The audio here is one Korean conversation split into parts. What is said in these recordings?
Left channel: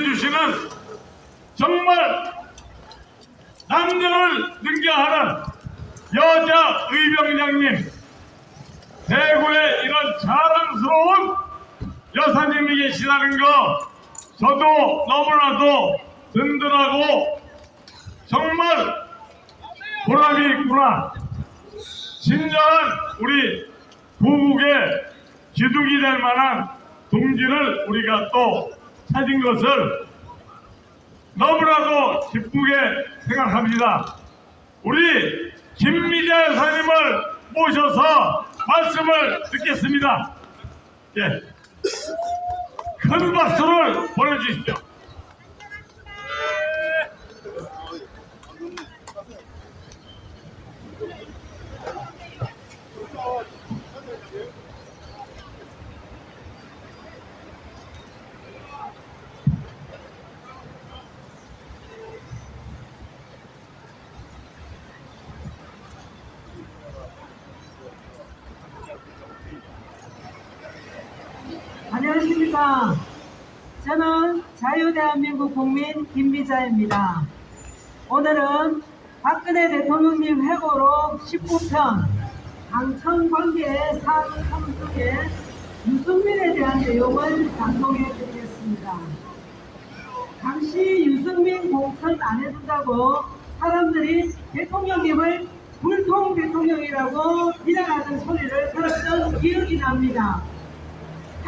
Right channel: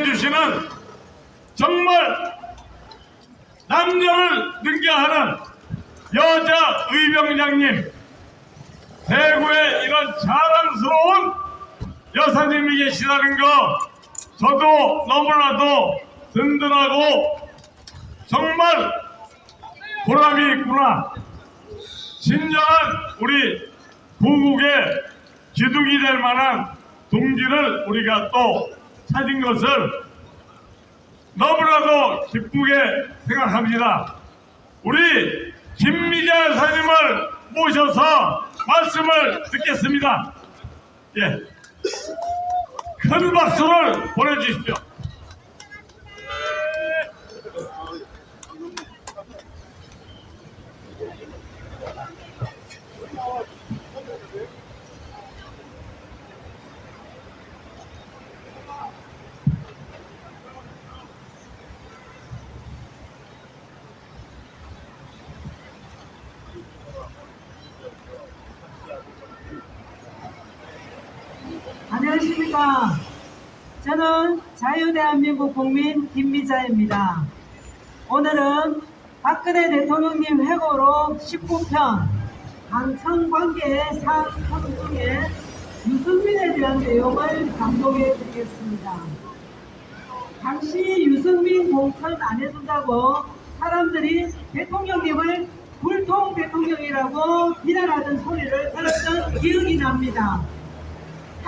해주시는 정말 남녀를 능가하는 여자 의병장님, 대구에 이런 자랑스러운 여사님이 계시다는 거 저도 너무나도 든든하고 정말 보람이 있구나. 진정한 우리 부국의 기둥이 될 만한 동지를 우리가 또 찾은 것을 너무나도 기쁘게 생각합니다. 우리 김미자 여사님을 모셔서 말씀을 듣겠습니다. 예, 큰 박수를 보내주십시오. 안녕하십니까. 저는 자유대한민국 국민 김미자입니다. 오늘은 박근혜 대통령님 회고록 19편 당청관계 사항 중에 유승민에 대한 내용을 감독해 드리겠습니다. 당시 유승민 공천 안 해준다고 사람들이 대통령님을 불통 대통령이라고 비난하던 소리를 들었던 기억이 납니다.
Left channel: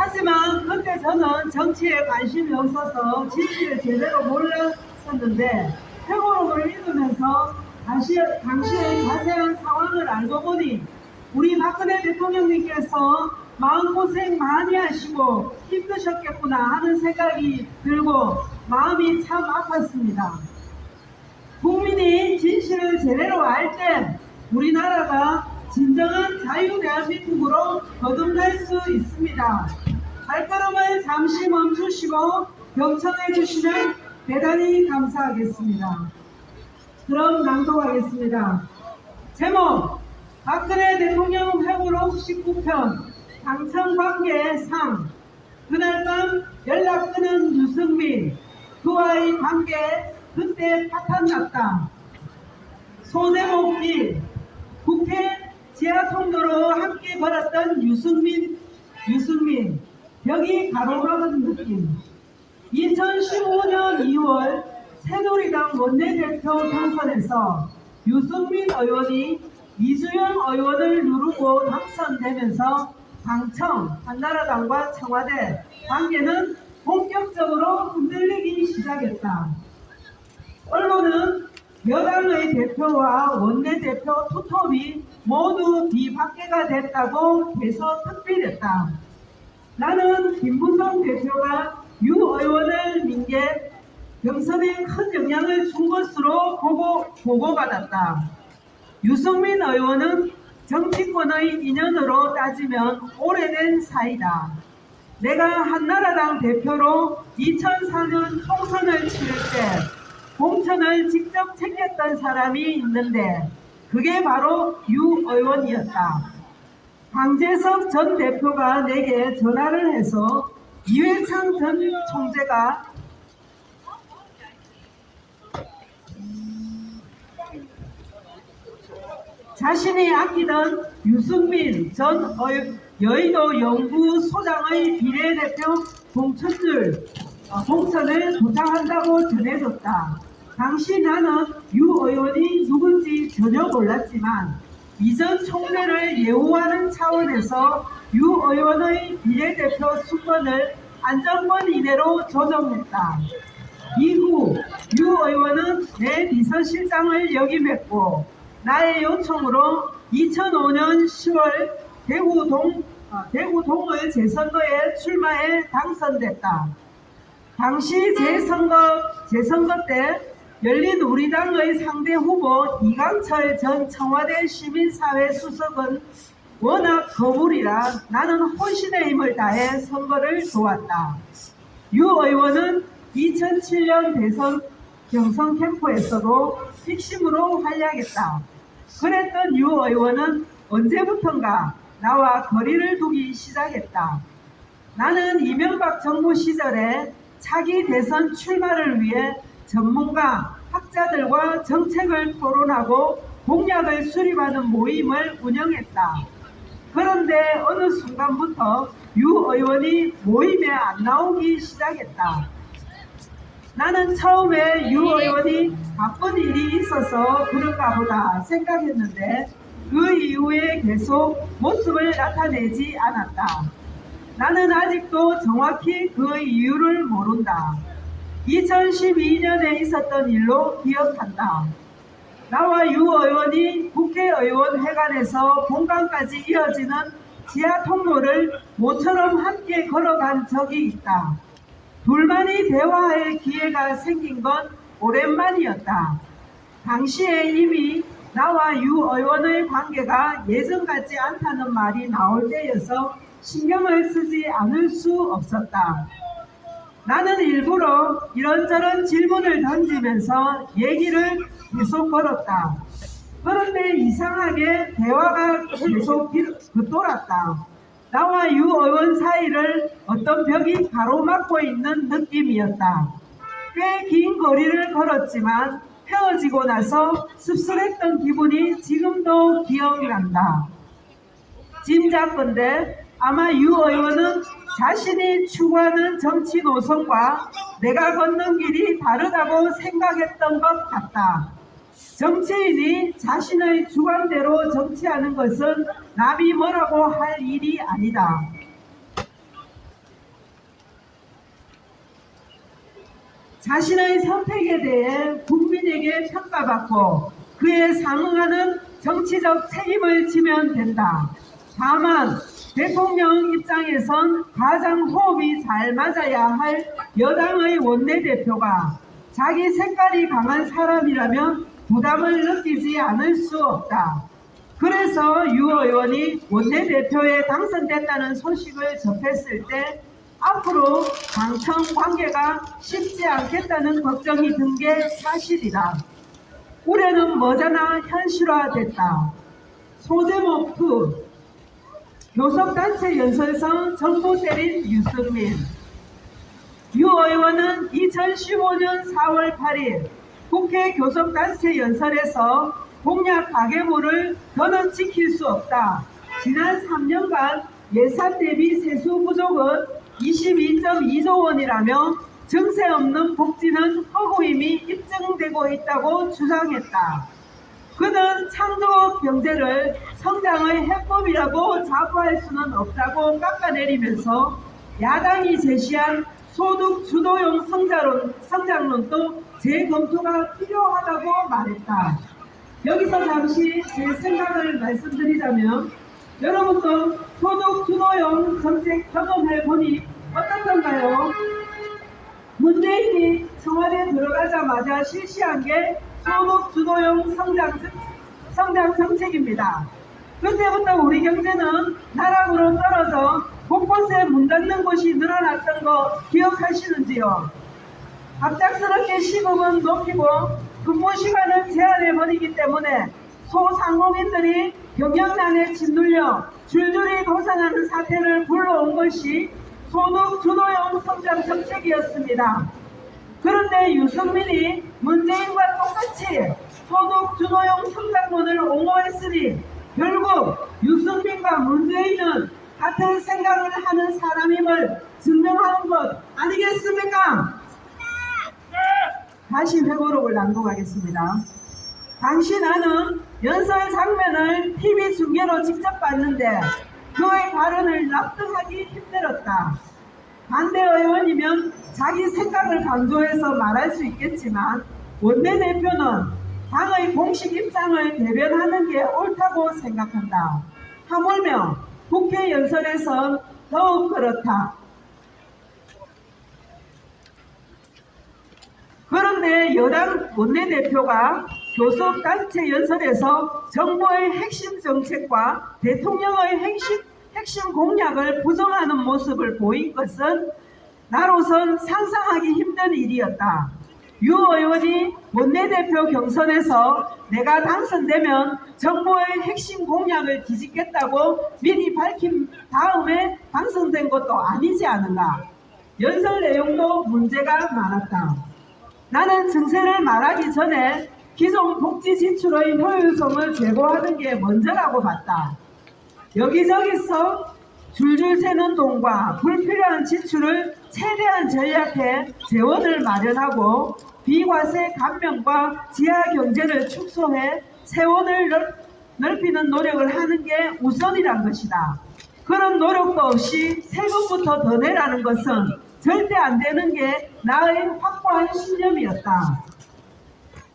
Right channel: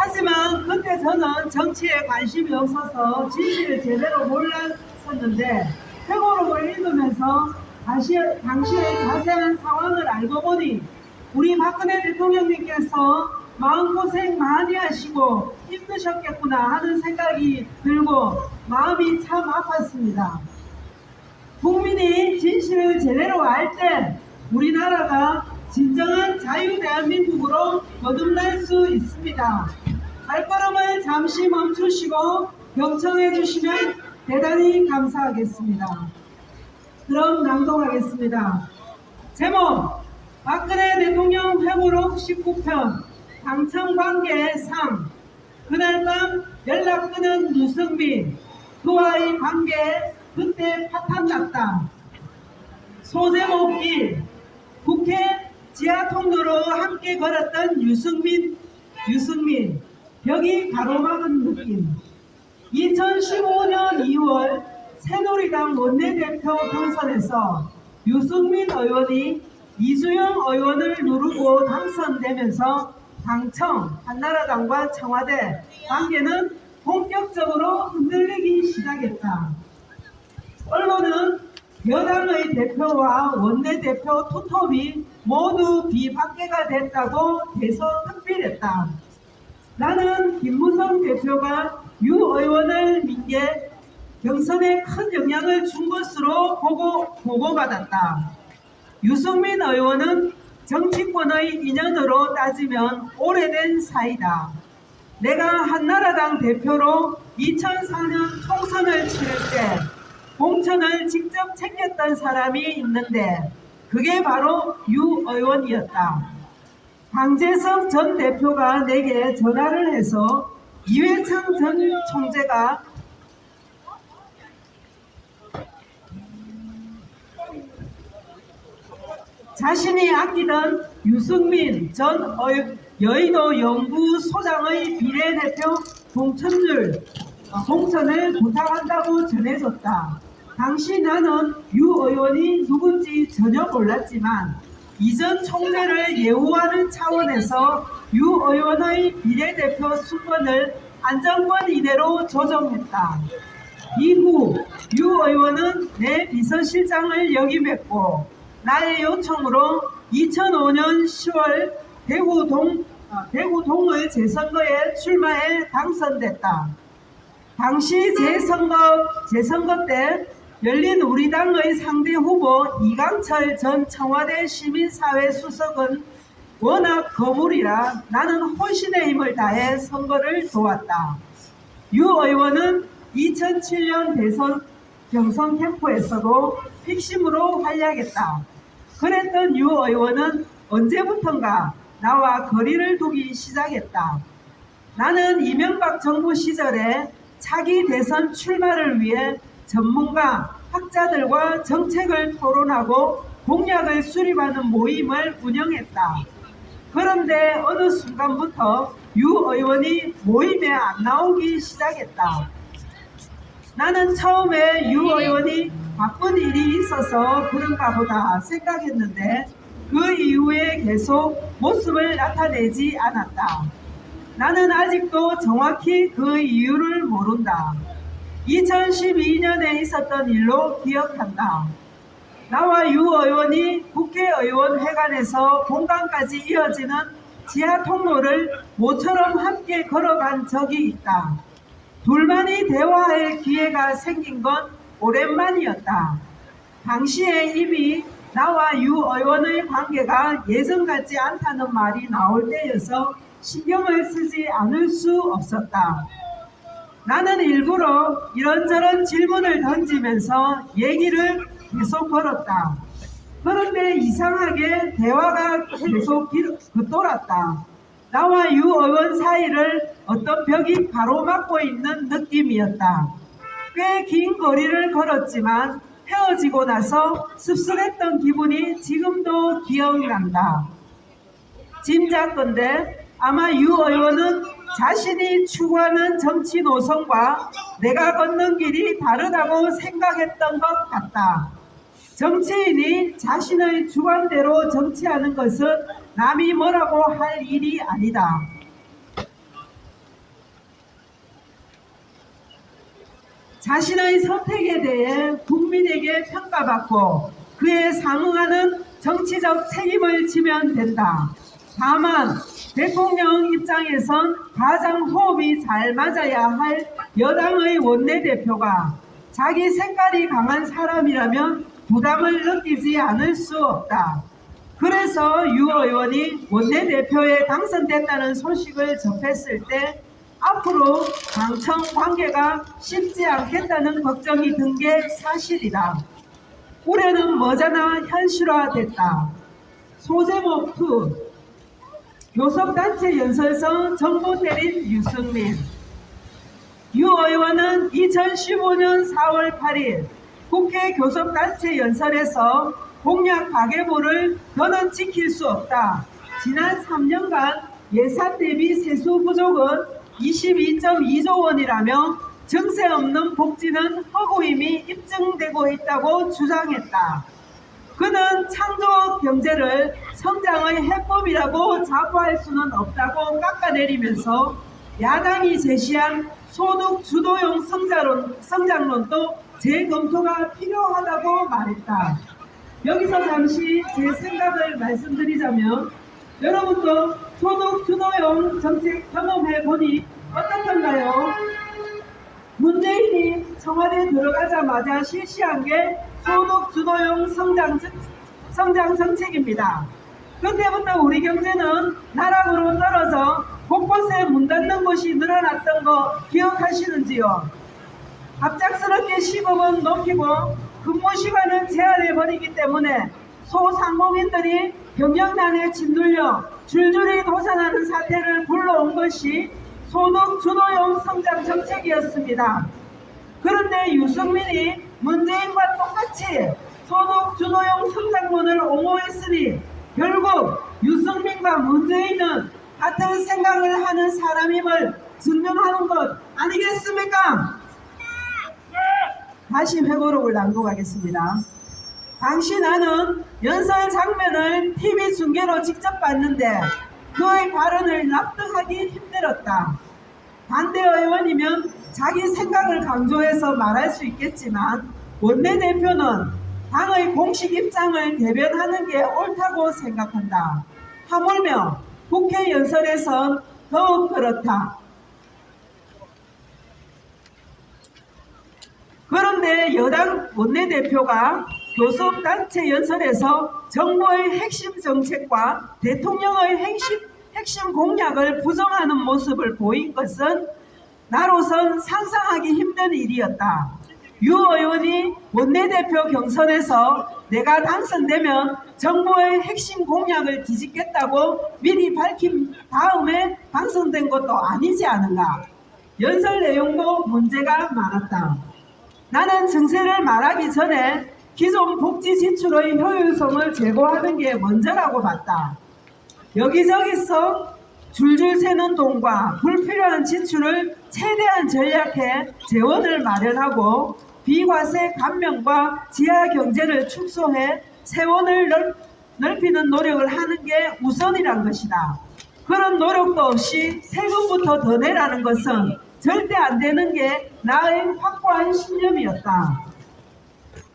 하지만 그때 저는 정치에 관심이 없어서 진실을 제대로 몰랐었는데 회고록을 읽으면서 당시의 자세한 상황을 알고 보니 우리 박근혜 대통령님께서 마음고생 많이 하시고 힘드셨겠구나 하는 생각이 들고 마음이 참 아팠습니다. 국민이 진실을 제대로 알 때 우리나라가 진정한 자유대한민국으로 거듭날 수 있습니다. 발걸음을 잠시 멈추시고 경청해 주시면 대단히 감사하겠습니다. 그럼 낭독하겠습니다. 제목 박근혜 대통령 회고록 19편 당청관계 상. 그날 밤 연락 끊은 유승민, 그와의 관계 그때 파탄났다. 소제목 1. 국회 지하통로로 함께 걸었던 유승민 벽이 가로막은 느낌. 2015년 2월 새누리당 원내대표 당선에서 유승민 의원이 이주영 의원을 누르고 당선되면서 당청, 한나라당과 청와대 관계는 본격적으로 흔들리기 시작했다. 언론은 여당의 대표와 원내대표 투톱이 모두 비박계가 됐다고 계속 특필했다. 나는 김무성 대표가 유 의원을 민 게 경선에 큰 영향을 준 것으로 보고받았다. 유승민 의원은 정치권의 인연으로 따지면 오래된 사이다. 내가 한나라당 대표로 2004년 총선을 치를 때 공천을 직접 챙겼던 사람이 있는데 그게 바로 유 의원이었다. 강재석 전 대표가 내게 전화를 해서 이회창 전 총재가 자신이 아끼던 유승민 전 여의도 연구소장의 비례대표 공천을 부탁한다고 전해줬다. 당시 나는 유 의원이 누군지 전혀 몰랐지만 이전 총재를 예우하는 차원에서 유 의원의 비례대표 수권을 안정권 이내로 조정했다. 이후 유 의원은 내 비서실장을 역임했고 나의 요청으로 2005년 10월 대구 동을 재선거에 출마해 당선됐다. 당시 재선거 때 열린우리당의 상대 후보 이강철 전 청와대 시민사회 수석은 워낙 거물이라 나는 혼신의 힘을 다해 선거를 도왔다. 유 의원은 2007년 대선 경선 캠프에서도 핵심으로 활약했다. 그랬던 유 의원은 언제부턴가 나와 거리를 두기 시작했다. 나는 이명박 정부 시절에 차기 대선 출마를 위해 전문가, 학자들과 정책을 토론하고 공약을 수립하는 모임을 운영했다. 그런데 어느 순간부터 유 의원이 모임에 안 나오기 시작했다. 나는 처음에 유 의원이 바쁜 일이 있어서 그런가 보다 생각했는데 그 이후에 계속 모습을 나타내지 않았다. 나는 아직도 정확히 그 이유를 모른다. 2012년에 있었던 일로 기억한다. 나와 유 의원이 국회의원 회관에서 본관까지 이어지는 지하 통로를 모처럼 함께 걸어간 적이 있다. 둘만이 대화할 기회가 생긴 건 오랜만이었다. 당시에 이미 나와 유 의원의 관계가 예전 같지 않다는 말이 나올 때여서 신경을 쓰지 않을 수 없었다. 나는 일부러 이런저런 질문을 던지면서 얘기를 계속 걸었다. 그런데 이상하게 대화가 계속 돌았다. 나와 유 의원 사이를 어떤 벽이 가로막고 있는 느낌이었다. 꽤 긴 거리를 걸었지만 헤어지고 나서 씁쓸했던 기분이 지금도 기억난다. 짐작컨대 아마 유 의원은 자신이 추구하는 정치 노선과 내가 걷는 길이 다르다고 생각했던 것 같다. 정치인이 자신의 주관대로 정치하는 것은 남이 뭐라고 할 일이 아니다. 자신의 선택에 대해 국민에게 평가받고 그에 상응하는 정치적 책임을 지면 된다. 다만 대통령 입장에선 가장 호흡이 잘 맞아야 할 여당의 원내대표가 자기 색깔이 강한 사람이라면 부담을 느끼지 않을 수 없다. 그래서 유 의원이 원내대표에 당선됐다는 소식을 접했을 때 앞으로 당청 관계가 쉽지 않겠다는 걱정이 든 게 사실이다. 올해는 머지않아 현실화됐다. 소제목 2 교섭단체 연설서 정부 때린 유승민. 유 의원은 2015년 4월 8일 국회 교섭단체 연설에서 공약 가계부를 더는 지킬 수 없다. 지난 3년간 예산 대비 세수 부족은 22.2조 원이라며 증세 없는 복지는 허구임이 입증되고 있다고 주장했다. 그는 창조 경제를 성장의 해법이라고 자부할 수는 없다고 깎아내리면서 야당이 제시한 소득 주도형 성장론도 재검토가 필요하다고 말했다. 여기서 잠시 제 생각을 말씀드리자면 여러분도 소득 주도형 정책 경험해보니 어떻던가요? 문재인이 청와대에 들어가자마자 실시한 게 소득 주도형 성장 정책입니다. 그때부터 우리 경제는 나락으로 떨어져 곳곳에 문 닫는 곳이 늘어났던 거 기억하시는지요? 갑작스럽게 시급은 높이고 근무 시간은 제한해버리기 때문에 소상공인들이 경영난에 짓눌려 줄줄이 도산하는 사태를 불러온 것이 소득 주도형 성장 정책이었습니다. 그런데 유승민이 문재인과 똑같이 소득 주도형 성장론을 옹호했으니 결국 유승민과 문재인은 같은 생각을 하는 사람임을 증명하는 것 아니겠습니까? 다시 회고록을 낭독하겠습니다. 당시 나는 연설 장면을 TV 중계로 직접 봤는데 그의 발언을 납득하기 힘들었다. 반대 의원이면 자기 생각을 강조해서 말할 수 있겠지만 원내대표는 당의 공식 입장을 대변하는 게 옳다고 생각한다. 하물며 국회 연설에선 더욱 그렇다. 그런데 여당 원내대표가 교섭단체 연설에서 정부의 핵심 정책과 대통령의 핵심 공약을 부정하는 모습을 보인 것은 나로선 상상하기 힘든 일이었다. 유 의원이 원내대표 경선에서 내가 당선되면 정부의 핵심 공약을 뒤집겠다고 미리 밝힌 다음에 당선된 것도 아니지 않은가. 연설 내용도 문제가 많았다. 나는 증세를 말하기 전에 기존 복지 지출의 효율성을 제고하는 게 먼저라고 봤다. 여기저기서 줄줄 새는 돈과 불필요한 지출을 최대한 절약해 재원을 마련하고 비과세 감면과 지하 경제를 축소해 세원을 넓히는 노력을 하는 게 우선이란 것이다. 그런 노력도 없이 세금부터 더 내라는 것은 절대 안 되는 게 나의 확고한 신념이었다.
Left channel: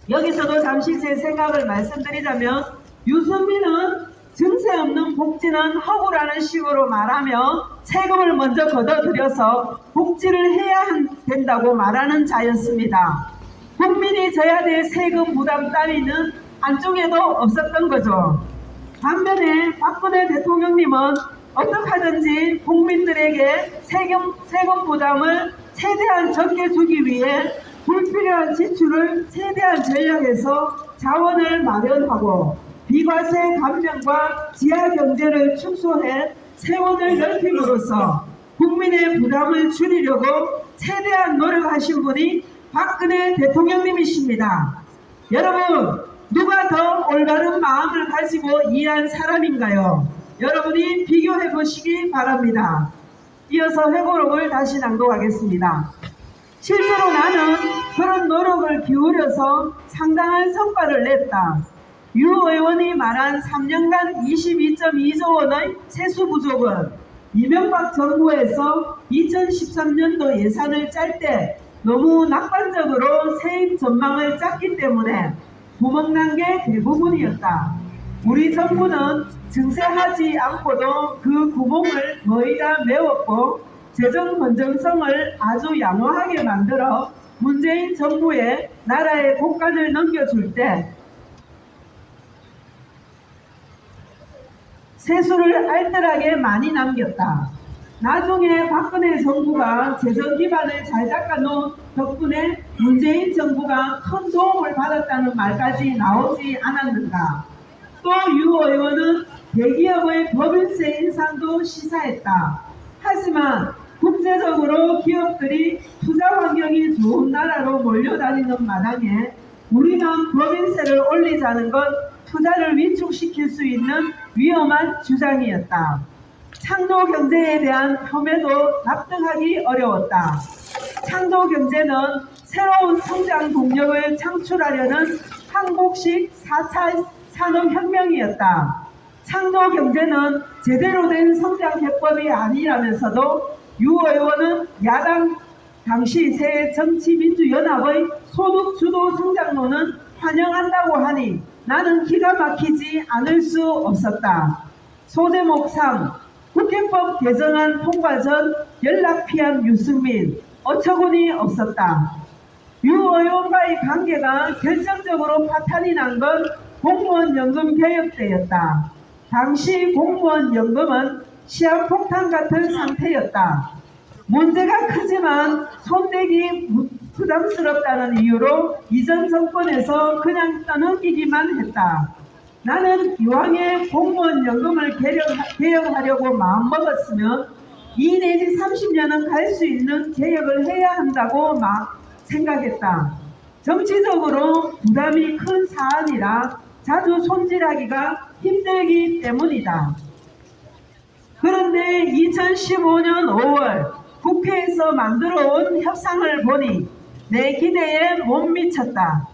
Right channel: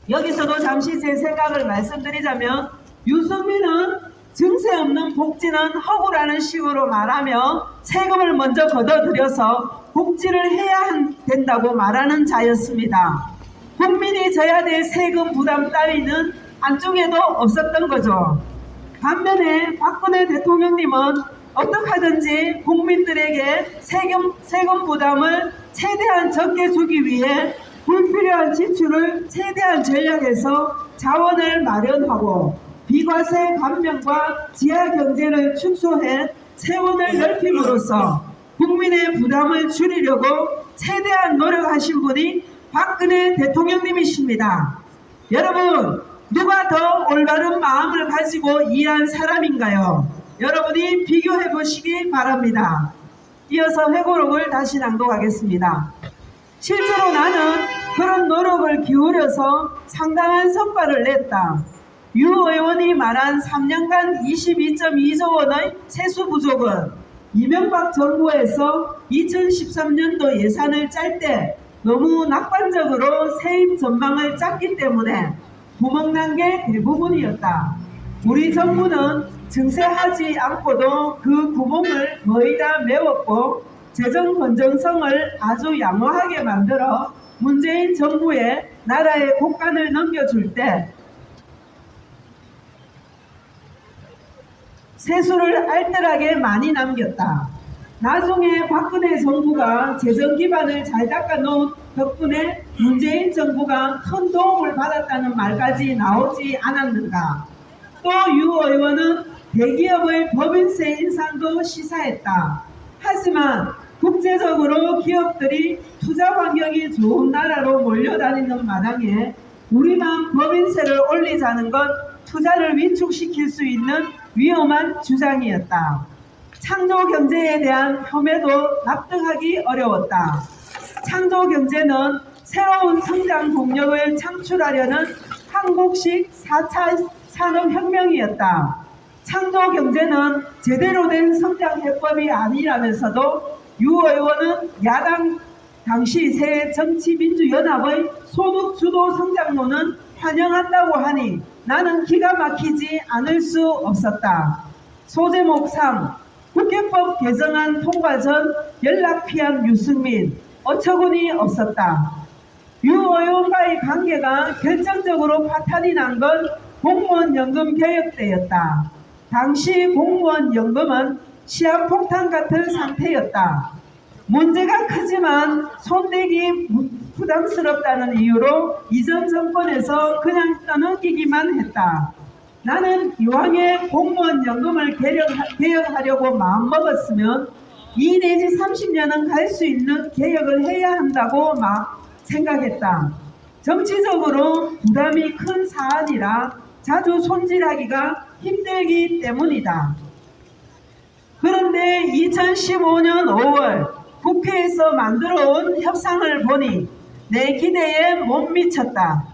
여기서도 잠시 제 생각을 말씀드리자면 유승민은 증세 없는 복지는 허구라는 식으로 말하며 세금을 먼저 걷어들여서 복지를 해야 된다고 말하는 자였습니다. 국민이 져야 될 세금 부담 따위는 안쪽에도 없었던 거죠. 반면에 박근혜 대통령님은 어떻게 하든지 국민들에게 세금 부담을 최대한 적게 주기 위해 불필요한 지출을 최대한 절약해서 자원을 마련하고 비과세 감면과 지하 경제를 축소해 세원을 넓힘으로써 국민의 부담을 줄이려고 최대한 노력하신 분이 박근혜 대통령님이십니다. 여러분, 누가 더 올바른 마음을 가지고 일한 사람인가요? 여러분이 비교해 보시기 바랍니다. 이어서 회고록을 다시 낭독하겠습니다. 실제로 나는 그런 노력을 기울여서 상당한 성과를 냈다. 유 의원이 말한 3년간 22.2조 원의 세수 부족은 이명박 정부에서 2013년도 예산을 짤 때 너무 낙관적으로 세입 전망을 짰기 때문에 구멍난 게 대부분이었다. 우리 정부는 증세하지 않고도 그 구멍을 거의 다 메웠고 재정 건전성을 아주 양호하게 만들어 문재인 정부에 나라의 곳간을 넘겨줄 때 세수를 알뜰하게 많이 남겼다. 나중에 박근혜 정부가 재정 기반을 잘 닦아놓은 덕분에 문재인 정부가 큰 도움을 받았다는 말까지 나오지 않았는가. 또 유 의원은 대기업의 법인세 인상도 시사했다. 하지만 국제적으로 기업들이 투자 환경이 좋은 나라로 몰려다니는 마당에 우리만 법인세를 올리자는 건 투자를 위축시킬 수 있는 위험한 주장이었다. 창조 경제에 대한 혐의도 납득하기 어려웠다. 창조 경제는 새로운 성장 동력을 창출하려는 한국식 4차 산업혁명이었다. 창조 경제는 제대로 된 성장 해법이 아니라면서도 유 의원은 야당 당시 새 정치민주연합의 소득주도 성장론은 환영한다고 하니 나는 기가 막히지 않을 수 없었다. 소제목 3. 국회법 개정안 통과 전 연락 피한 유승민, 어처구니 없었다. 유 의원과의 관계가 결정적으로 파탄이 난 건 공무원연금 개혁 때였다. 당시 공무원연금은 시한폭탄 같은 상태였다. 문제가 크지만 손대기 부담스럽다는 이유로 이전 정권에서 그냥 떠넘기기만 했다. 나는 이왕에 공무원연금을 개혁하려고 마음먹었으면 2 내지 30년은 갈 수 있는 개혁을 해야 한다고 생각했다. 정치적으로 부담이 큰 사안이라 자주 손질하기가 힘들기 때문이다. 그런데 2015년 5월 국회에서 만들어온 협상을 보니 내 기대에 못 미쳤다.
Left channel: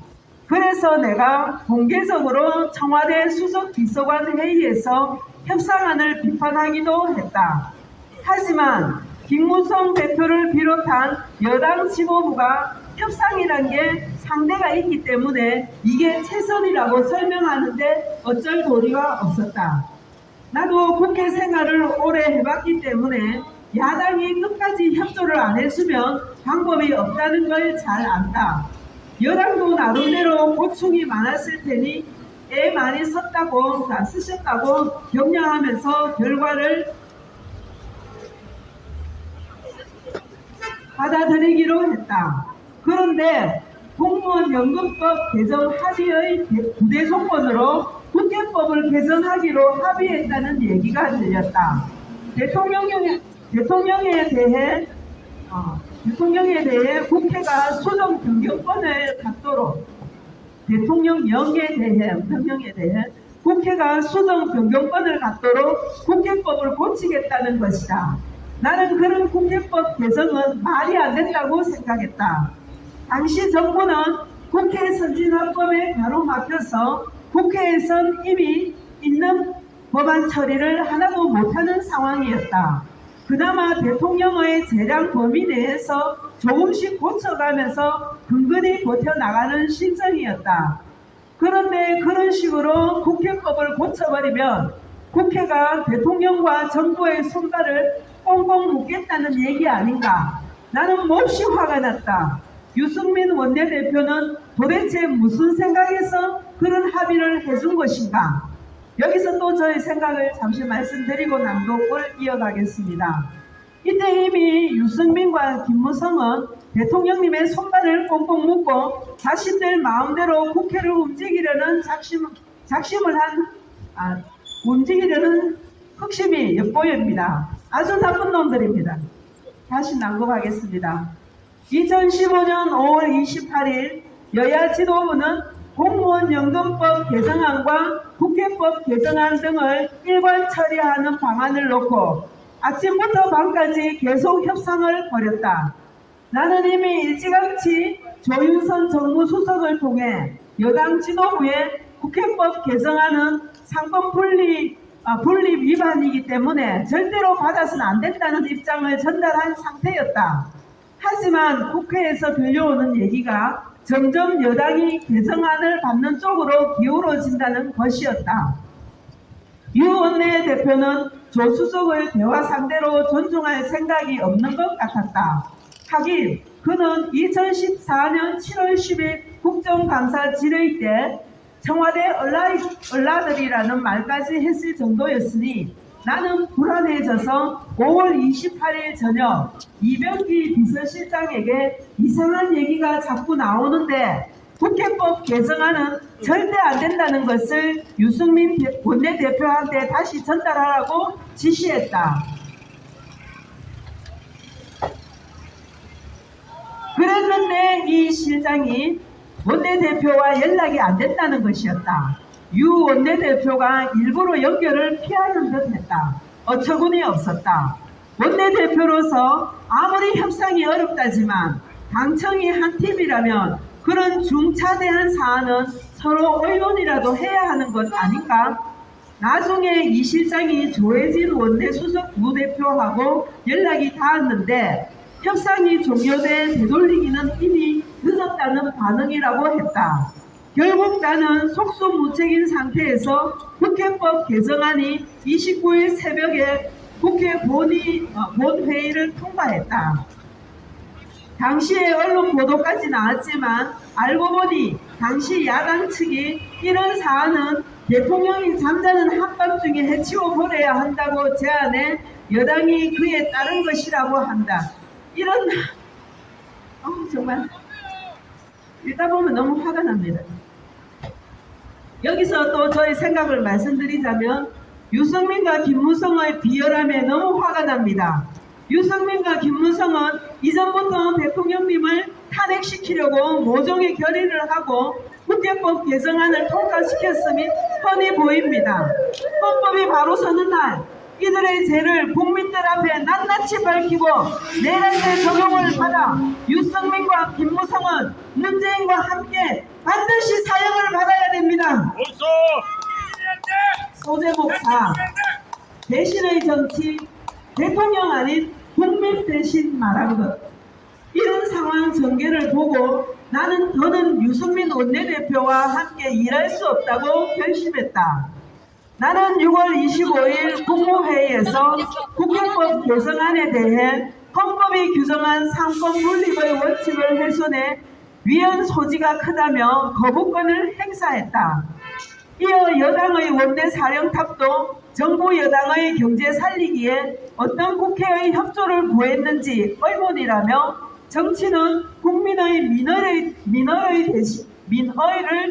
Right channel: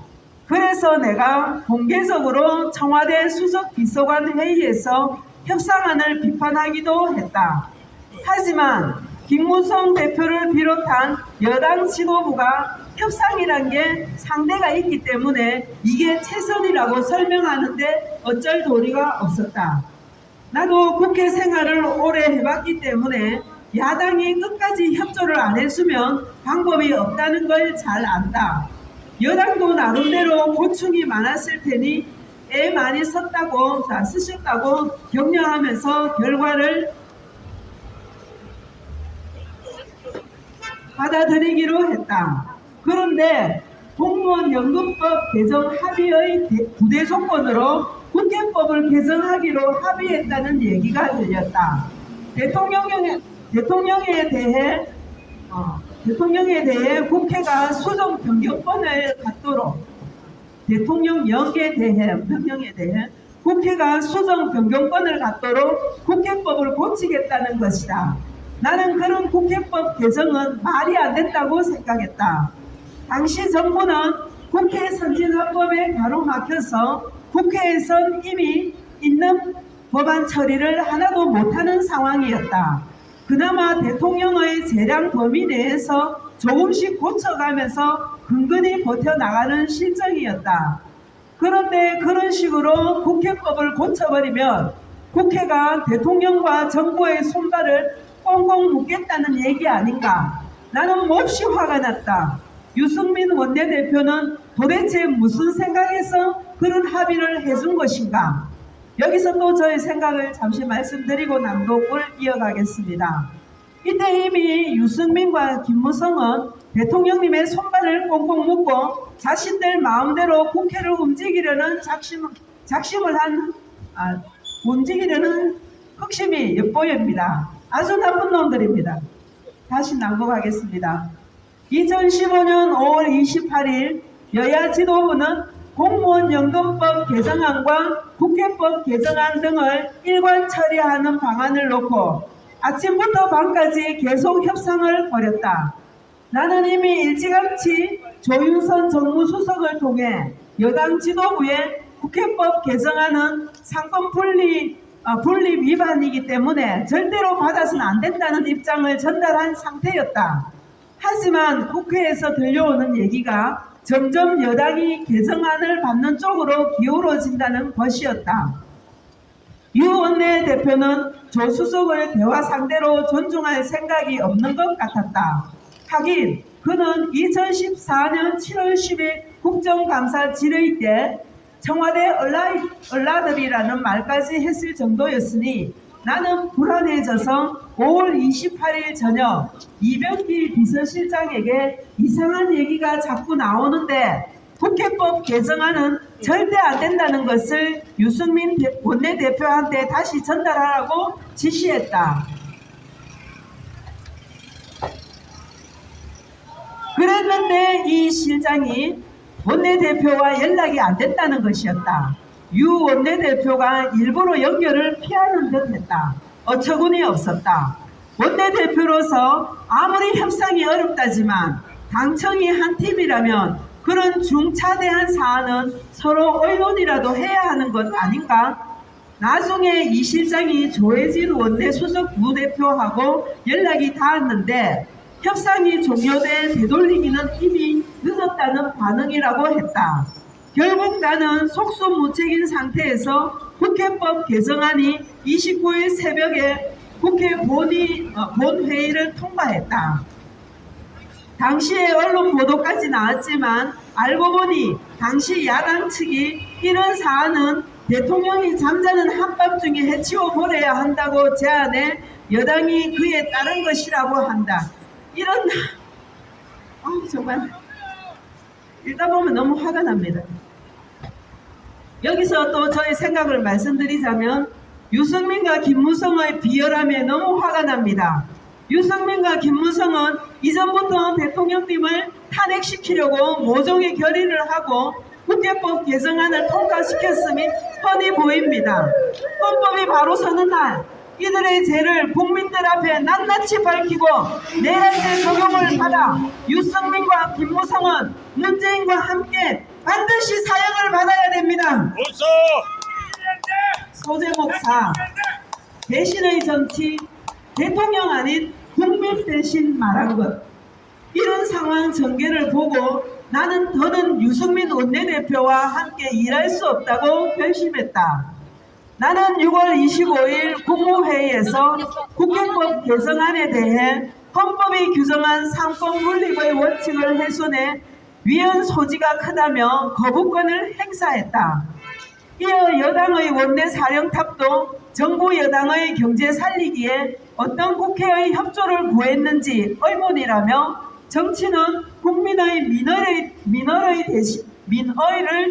그래서 내가 공개적으로 청와대 수석 비서관 회의에서 협상안을 비판하기도 했다. 하지만 김무성 대표를 비롯한 여당 지도부가 협상이란 게 상대가 있기 때문에 이게 최선이라고 설명하는데 어쩔 도리가 없었다. 나도 국회 생활을 오래 해봤기 때문에 야당이 끝까지 협조를 안 해주면 방법이 없다는 걸 잘 안다. 여당도 나름대로 고충이 많았을 테니 애 많이 쓰셨다고 격려하면서 결과를 받아들이기로 했다. 그런데 공무원연금법 개정 합의의 부대 조건으로 국회법을 개정하기로 합의했다는 얘기가 들렸다. 대통령에 대해 대통령에 대해 국회가 수정 변경권을 갖도록 대통령령에 대해 명령에 대해 국회가 수정 변경권을 갖도록 국회법을 고치겠다는 것이다. 나는 그런 국회법 개정은 말이 안 된다고 생각했다. 당시 정부는 국회 선진화법에 가로막혀서 국회에선 이미 있는 법안 처리를 하나도 못하는 상황이었다. 그나마 대통령의 재량 범위 내에서 조금씩 고쳐가면서 근근히 버텨나가는 실정이었다. 그런데 그런 식으로 국회법을 고쳐버리면 국회가 대통령과 정부의 손발을 꽁꽁 묶겠다는 얘기 아닌가? 나는 몹시 화가 났다. 유승민 원내대표는 도대체 무슨 생각에서 그런 합의를 해준 것인가? 여기서 또 저의 생각을 잠시 말씀드리고 낭독을 이어가겠습니다. 이때 이미 유승민과 김무성은 대통령님의 손발을 꽁꽁 묶고 자신들 마음대로 국회를 움직이려는 움직이려는 흑심이 엿보입니다. 아주 나쁜 놈들입니다. 다시 낭독하겠습니다. 2015년 5월 28일 여야 지도부는 공무원 연금법 개정안과 국회법 개정안 등을 일괄 처리하는 방안을 놓고 아침부터 밤까지 계속 협상을 벌였다. 나는 이미 일찌감치 조윤선 정무수석을 통해 여당 지도부에 국회법 개정안은 상권 분립 위반이기 때문에 절대로 받아서는 안 된다는 입장을 전달한 상태였다. 하지만 국회에서 들려오는 얘기가 점점 여당이 개정안을 받는 쪽으로 기울어진다는 것이었다. 유 원내대표는 조 수석을 대화 상대로 존중할 생각이 없는 것 같았다. 하긴 그는 2014년 7월 10일 국정감사 질의 때 청와대 얼라들이라는 말까지 했을 정도였으니 나는 불안해져서 5월 28일 저녁 이병기 비서실장에게 이상한 얘기가 자꾸 나오는데 국회법 개정안은 절대 안 된다는 것을 유승민 원내대표한테 다시 전달하라고 지시했다. 그랬는데 이 실장이 원내대표와 연락이 안 됐다는 것이었다. 유 원내대표가 일부러 연결을 피하는 듯 했다. 어처구니 없었다. 원내대표로서 아무리 협상이 어렵다지만 당청이 한 팀이라면 그런 중차대한 사안은 서로 의논이라도 해야 하는 것 아닌가? 나중에 이 실장이 조혜진 원내수석 부대표하고 연락이 닿았는데 협상이 종료돼 되돌리기는 이미 늦었다는 반응이라고 했다. 결국 나는 속수무책인 상태에서 국회법 개정안이 29일 새벽에 국회 본회의를 통과했다. 당시에 언론 보도까지 나왔지만 알고 보니 당시 야당 측이 이런 사안은 대통령이 잠자는 한밤중에 해치워 버려야 한다고 제안해 여당이 그에 따른 것이라고 한다. 이런 정말 읽다 보면 너무 화가 납니다. 여기서 또 저의 생각을 말씀드리자면 유승민과 김무성의 비열함에 너무 화가 납니다. 유승민과 김무성은 이전부터 대통령님을 탄핵시키려고 모종의 결의를 하고 국회법 개정안을 통과시켰음이 뻔히 보입니다. 헌법이 바로 서는 날 이들의 죄를 국민들 앞에 낱낱이 밝히고 내란죄 적용을 받아 유승민과 김무성은 문재인과 함께 반드시 사형을 받아야 됩니다. 소제목 4. 대신의 정치, 대통령 아닌 국민 대신 말한 것. 이런 상황 전개를 보고 나는 더는 유승민 원내대표와 함께 일할 수 없다고 결심했다. 나는 6월 25일 국무회의에서 국회법 개정안에 대해 헌법이 규정한 상권 분립의 원칙을 훼손해 위헌 소지가 크다며 거부권을 행사했다. 이어 여당의 원내사령탑도 정부 여당의 경제 살리기에 어떤 국회의 협조를 구했는지 의문이라며 정치는 국민의 민의를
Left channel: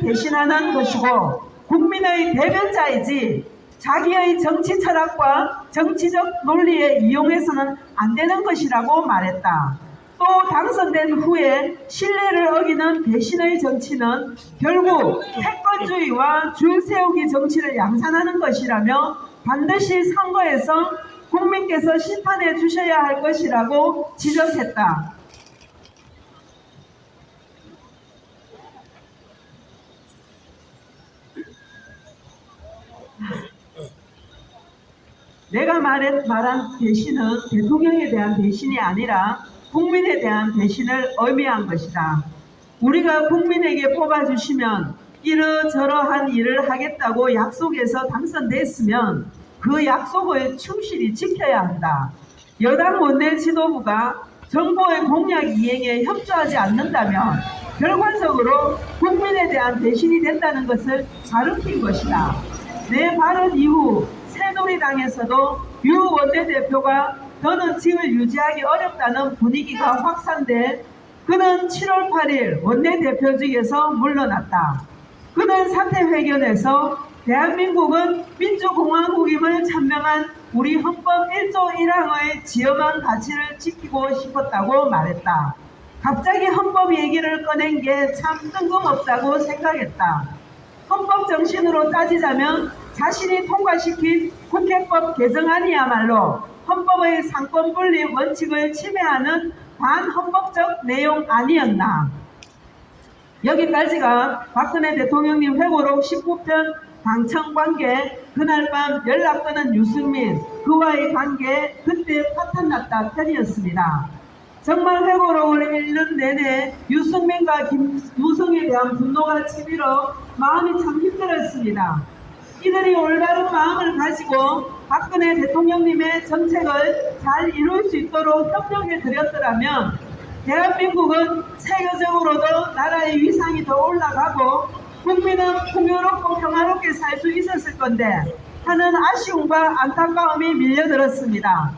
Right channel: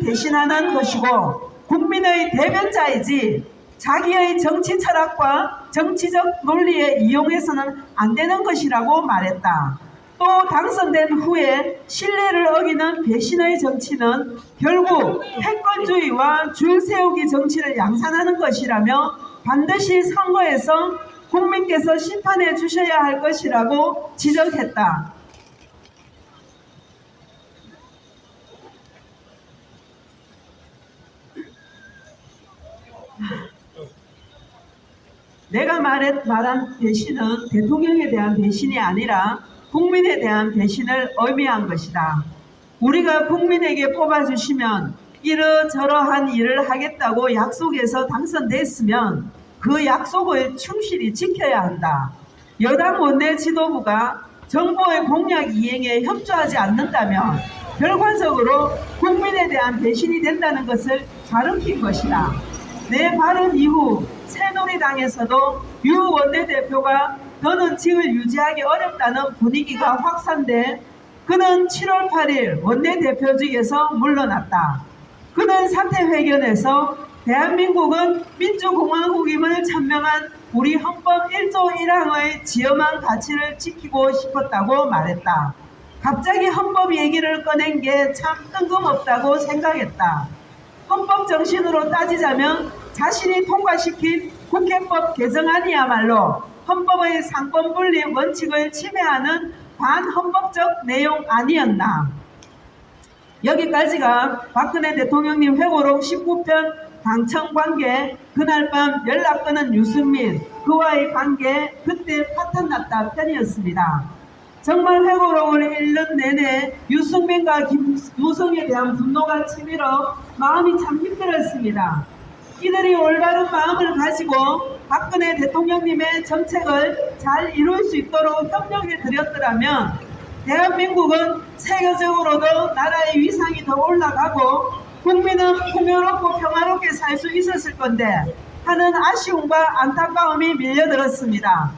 대신하는 것이고 국민의 대변자이지 자기의 정치 철학과 정치적 논리에 이용해서는 안 되는 것이라고 말했다. 또 당선된 후에 신뢰를 어기는 배신의 정치는 결국 패권주의와 줄 세우기 정치를 양산하는 것이라며 반드시 선거에서 국민께서 심판해 주셔야 할 것이라고 지적했다. 내가 말한 배신은 대통령에 대한 배신이 아니라 국민에 대한 배신을 의미한 것이다. 우리가 국민에게 뽑아주시면 이러저러한 일을 하겠다고 약속해서 당선됐으면 그 약속을 충실히 지켜야 한다. 여당 원내 지도부가 정부의 공약 이행에 협조하지 않는다면 결과적으로 국민에 대한 배신이 된다는 것을 가르친 것이다. 내 발언 이후 새누리당에서도 유 원내대표가 더는 직을 유지하기 어렵다는 분위기가 확산돼 그는 7월 8일 원내대표직에서 물러났다. 그는 사퇴회견에서 대한민국은 민주공화국임을 천명한 우리 헌법 1조 1항의 지엄한 가치를 지키고 싶었다고 말했다. 갑자기 헌법 얘기를 꺼낸 게 참 뜬금없다고 생각했다. 헌법 정신으로 따지자면 자신이 통과시킨 국회법 개정안이야말로 헌법의 상권 분립 원칙을 침해하는 반헌법적 내용 아니었나. 여기까지가 박근혜 대통령님 회고록 19편 당청 관계, 그날 밤 연락 끊은 유승민, 그와의 관계, 그때 파탄 났다 편이었습니다. 정말 회고록을 읽는 내내 유승민과 김무성에 대한 분노가 치밀어 마음이 참 힘들었습니다. 이들이 올바른 마음을 가지고 박근혜 대통령님의 정책을 잘 이룰 수 있도록 협력해 드렸더라면 대한민국은 세계적으로도 나라의 위상이 더 올라가고 국민은 풍요롭고 평화롭게 살 수 있었을 건데 하는 아쉬움과 안타까움이 밀려들었습니다.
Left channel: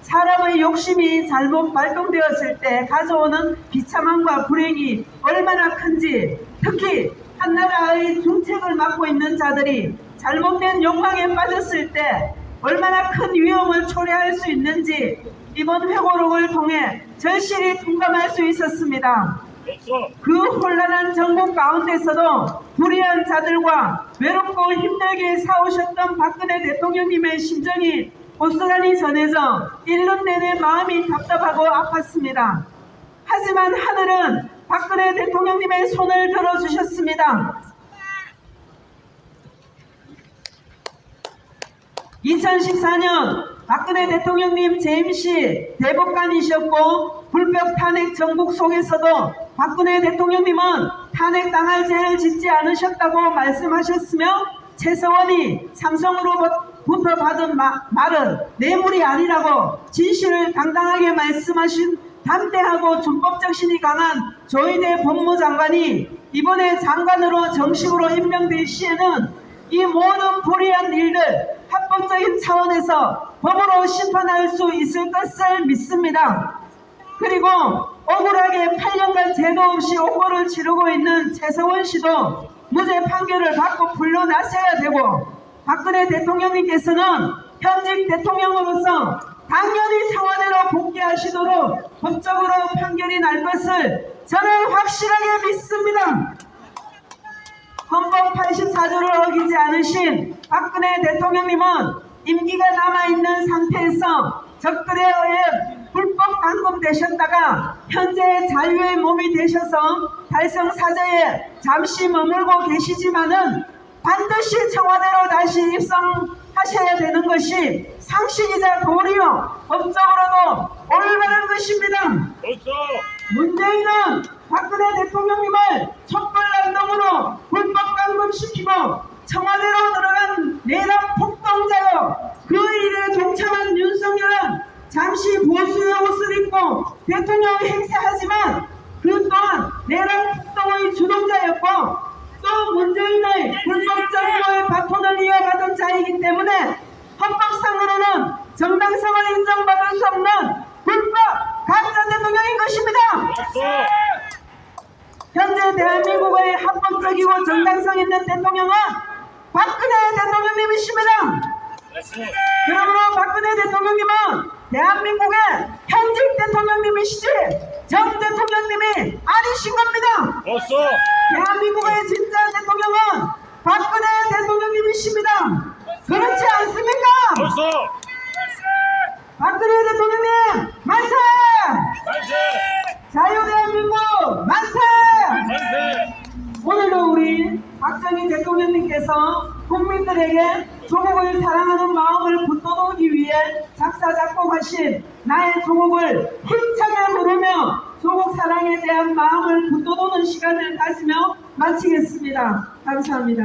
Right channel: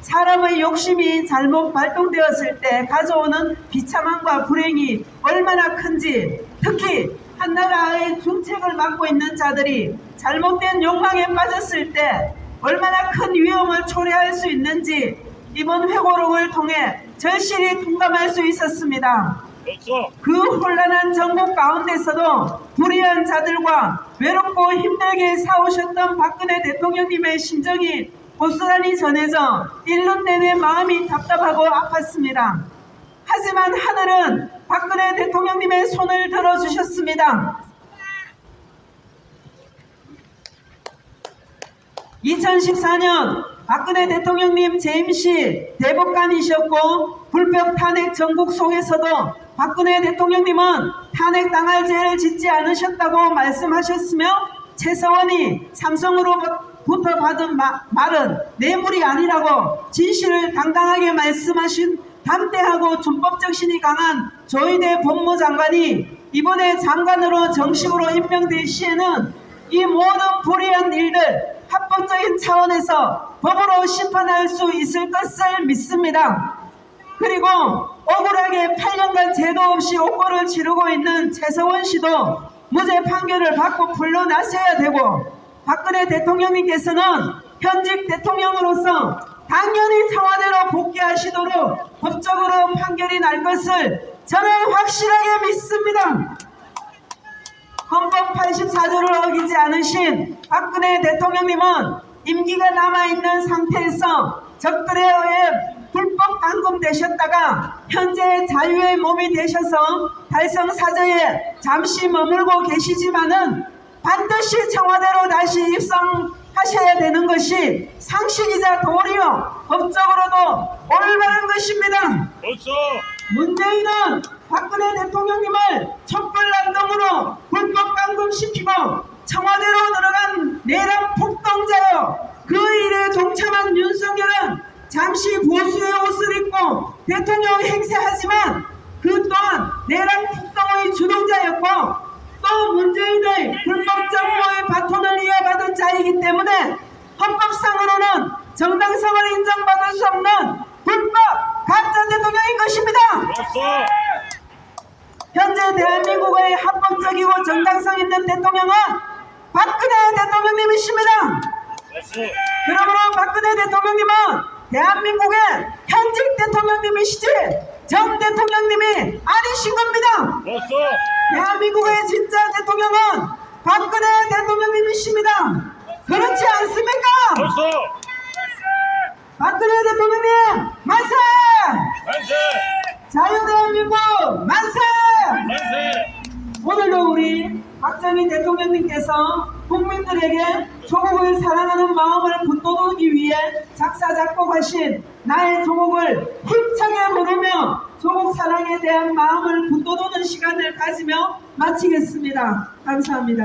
사람의 욕심이 잘못 발동되었을 때 가져오는 비참함과 불행이 얼마나 큰지, 특히 한 나라의 중책을 맡고 있는 자들이 잘못된 욕망에 빠졌을 때 얼마나 큰 위험을 초래할 수 있는지 이번 회고록을 통해 절실히 통감할 수 있었습니다. 그 혼란한 정국 가운데서도 불의한 자들과 외롭고 힘들게 싸우셨던 박근혜 대통령님의 심정이 고스란히 전해져 1년 내내 마음이 답답하고 아팠습니다. 하지만 하늘은 박근혜 대통령님의 손을 들어주셨습니다. 2014년 박근혜 대통령님 재임시 대법관이셨고 불법 탄핵 전국 속에서도 박근혜 대통령님은 탄핵당할 죄를 짓지 않으셨다고 말씀하셨으며 최서원이 삼성으로부터 받은 말은 뇌물이 아니라고 진실을 당당하게 말씀하신 담대하고 준법정신이 강한 조희대 법무장관이 이번에 장관으로 정식으로 임명될 시에는 이 모든 불의한 일들 합법적인 차원에서 법으로 심판할 수 있을 것을 믿습니다. 그리고 억울하게 8년간 죄도 없이 옥고를 치르고 있는 최서원 씨도 무죄 판결을 받고 물러나셔야 되고 박근혜 대통령님께서는 현직 대통령으로서 당연히 청와대로 복귀하시도록 법적으로 판결이 날 것을 저는 확실하게 믿습니다. 헌법 84조를 어기지 않으신 박근혜 대통령님은 임기가 남아있는 상태에서 적들에 의해 불법 감금되셨다가 현재 자유의 몸이 되셔서 달성사저에 잠시 머물고 계시지만은 반드시 청와대로 다시 입성하셔야 되는 것이 상식이자 도리요 법적으로도 올바른 것입니다. 문재인은 박근혜 대통령님을 촛불난동으로 불법 감금시키고 청와대로 들어간 내란 폭동자요. 그 일에 동참한 윤석열은 잠시 보수의 옷을 입고 대통령 행세하지만 그 또한 내란 폭동의 주동자였고 또 문재인의 불법 정부의 바톤을 이어받은 자이기 때문에 헌법상으로는 정당성을 인정받을 수 없는 불법 가짜 대통령인 것입니다. 현재 대한민국의 합법적이고 정당성 있는 대통령은 박근혜 대통령님이십니다. 그러므로 박근혜 대통령님은 대한민국의 현직 대통령입니다. 대통령님이시지 정 대통령님이 아니신 겁니다. 벌써 대한민국의 진짜 대통령은 박근혜 대통령님이십니다. 그렇지 않습니까? 벌써 박근혜 대통령님 만세! 만세 자유대한민국 만세! 만세 오늘도 우리 박정희 대통령님께서 국민들에게 조국을 사랑하는 마음을 북돋우기 위해 작사 작곡하신 나의 조국을 힘차게 부르며 조국 사랑에 대한 마음을 북돋우는 시간을 가지며 마치겠습니다. 감사합니다.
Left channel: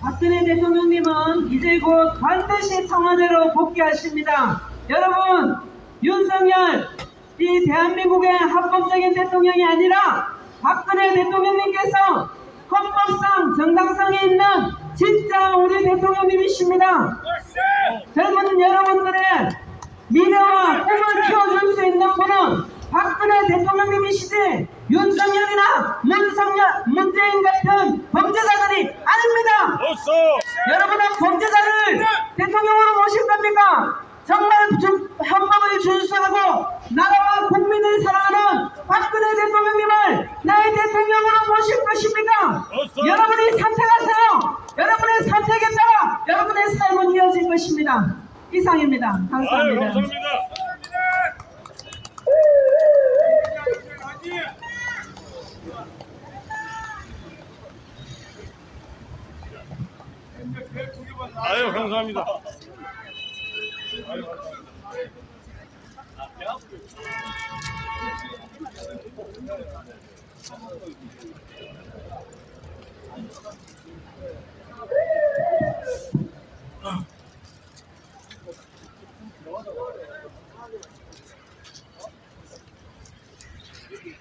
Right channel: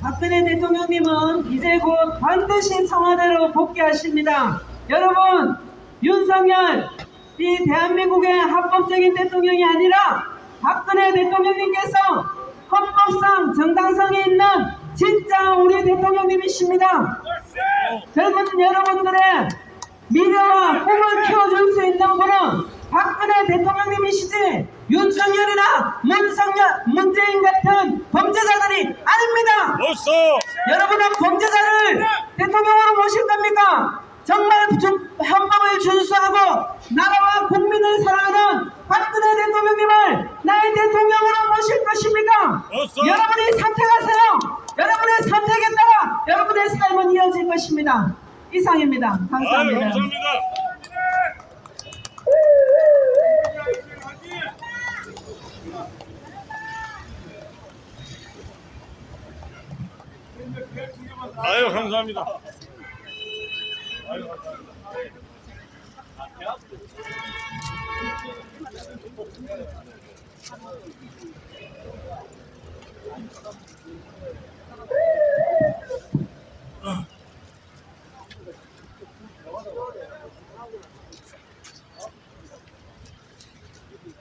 박근혜 대통령님은 이제 곧 반드시 청와대로 복귀하십니다. 여러분, 윤석열 이 대한민국의 합법적인 대통령이 아니라 박근혜 대통령님께서 헌법상 정당성이 있는 진짜 우리 대통령님이십니다. 젊은 여러분들의 미래와 꿈을 키워줄 수 있는 분은 박근혜 대통령님이시지 윤석열이나 문재인 같은 범죄자들이 아닙니다. 벌써 여러분은 범죄자를 대통령으로 모실 겁니까? 정말 헌법을 준수하고 나라와 국민을 사랑하는 박근혜 대통령님을 나의 대통령으로 모실 것입니까? 벌써 여러분이 선택하세요. 여러분의 선택에 따라 여러분의 삶은 이어질 것입니다. 이상입니다. 감사합니다. 감사합니다. 아유 감사합니다. 아유 감사합니다.